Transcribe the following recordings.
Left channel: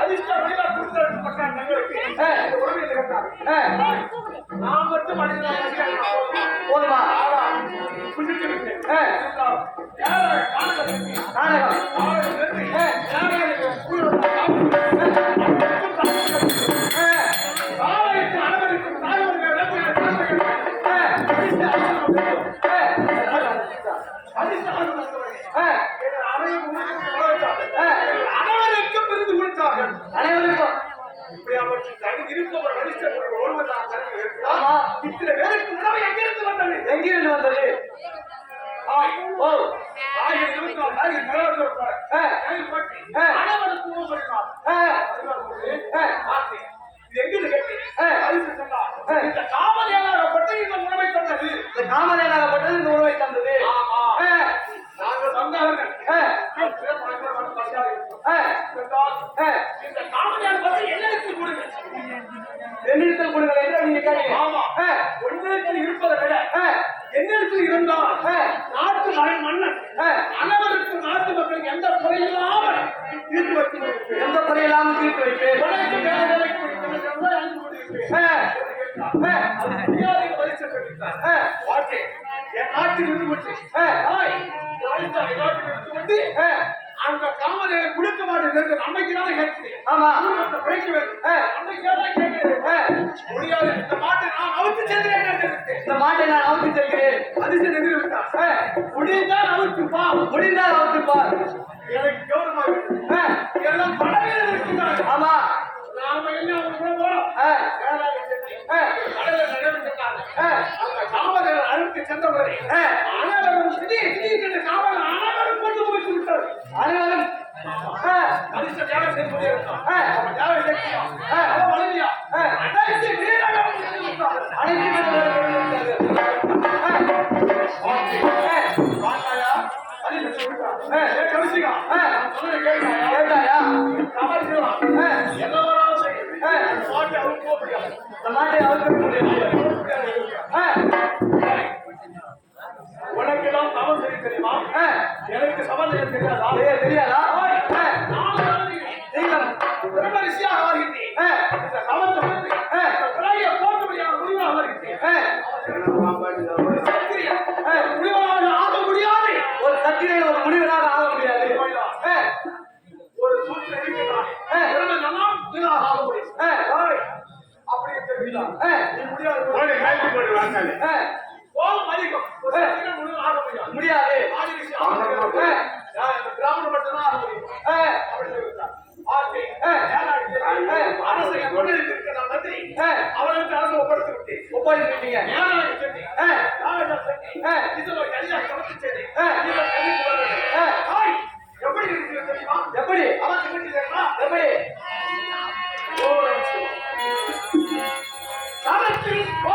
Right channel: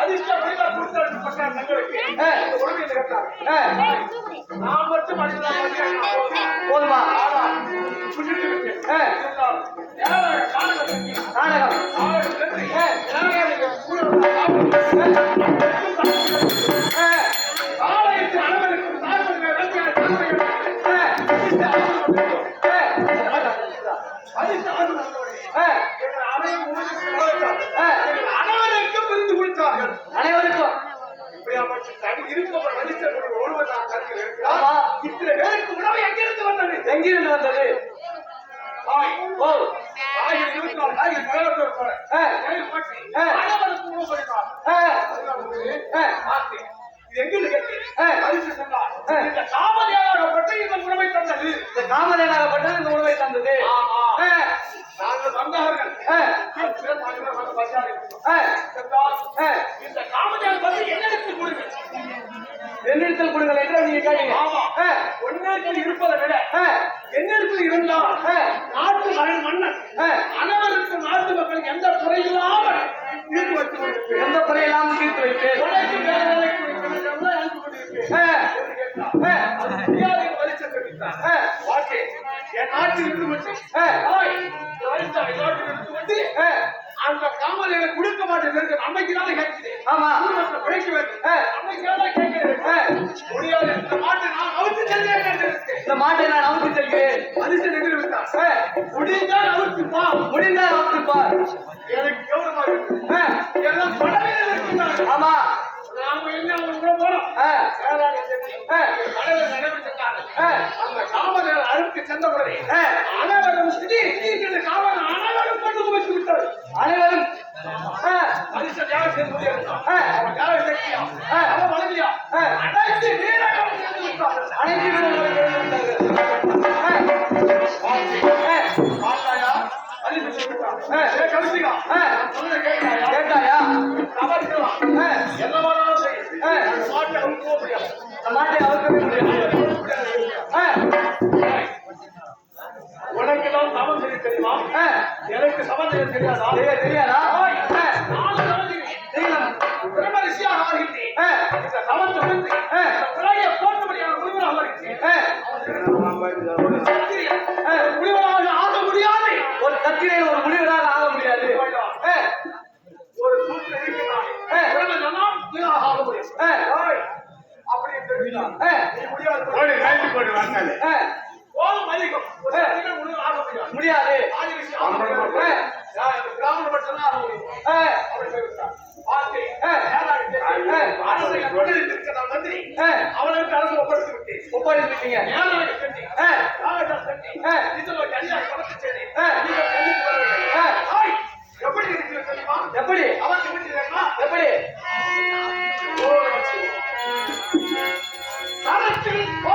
அதிர்ஷ்டம் கொடுத்தாரு எங்களுக்கு நான் மட்டும் போதுமா Thank you. அந்த காமரையில குடுக்க மாட்டேங்கிறது அன்னைக்கு தான் கேட்குது ஆமா. உழைக்க வேண்டும் அன்னைக்கு தான் கேட்கிறேன் முடியாது இந்த மாட்டை நான் அவுத்து செல்கிறேன் இந்த மாட்டை நான் அவுத்து செல்கிறேன் அது செல்கிறேன் முடிந்தால் அவுத்துப்பா முடிந்தால் அழைத்து Patrick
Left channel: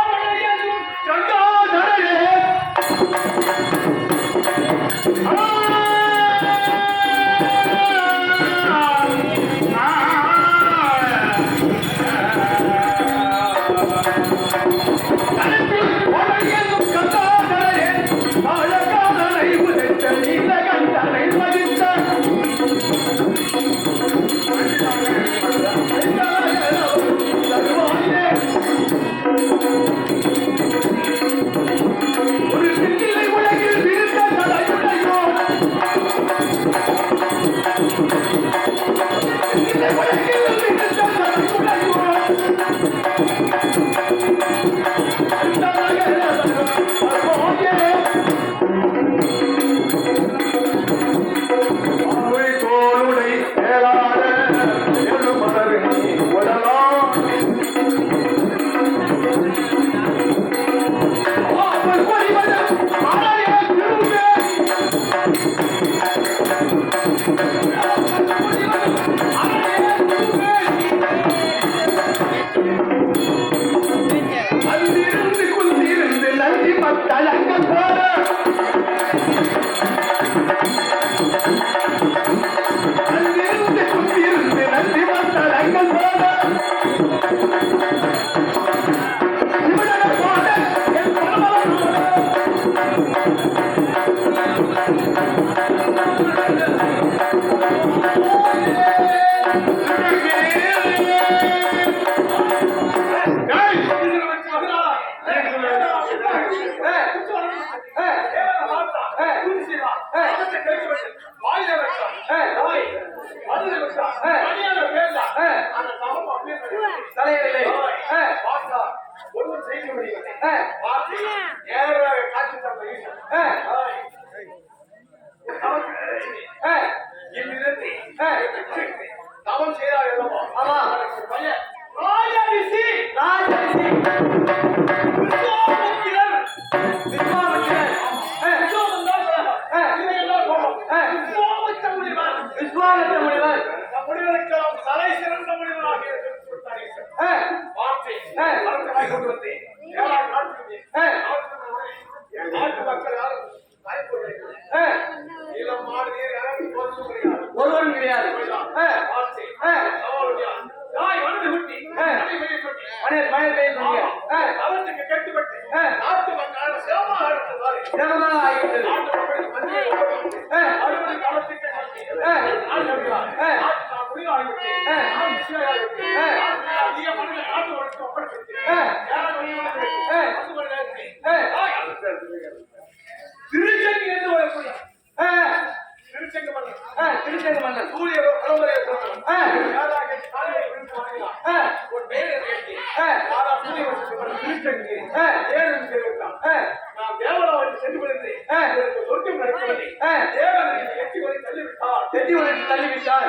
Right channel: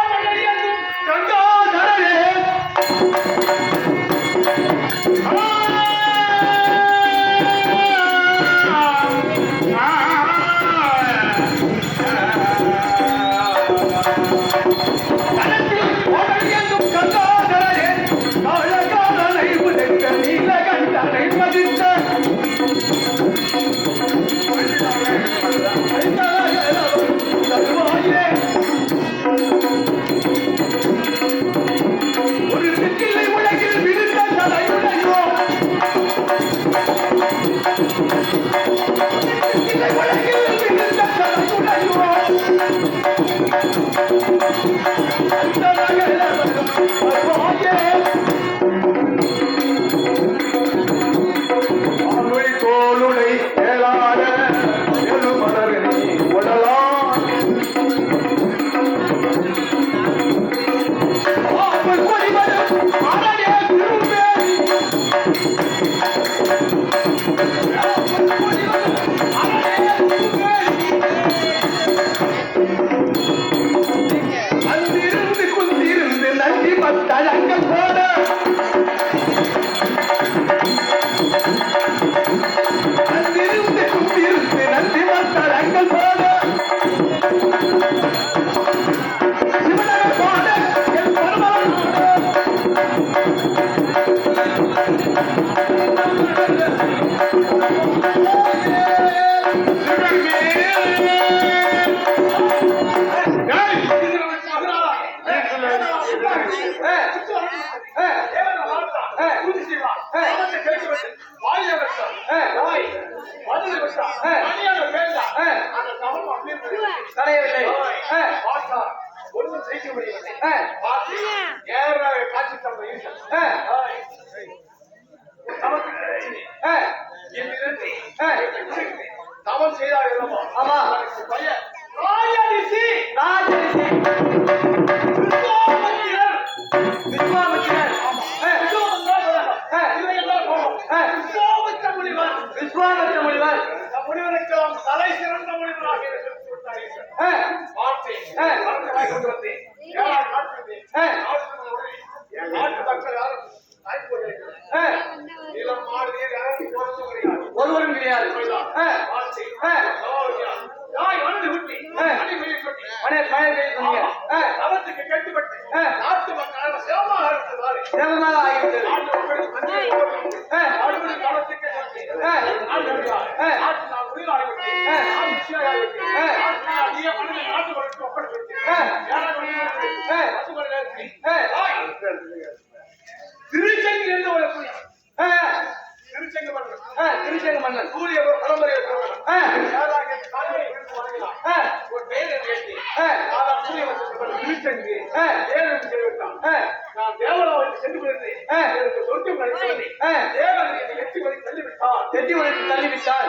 தள்ளிவிட்டார். செட்டி உலகத்தில் தள்ளிவிட்டால்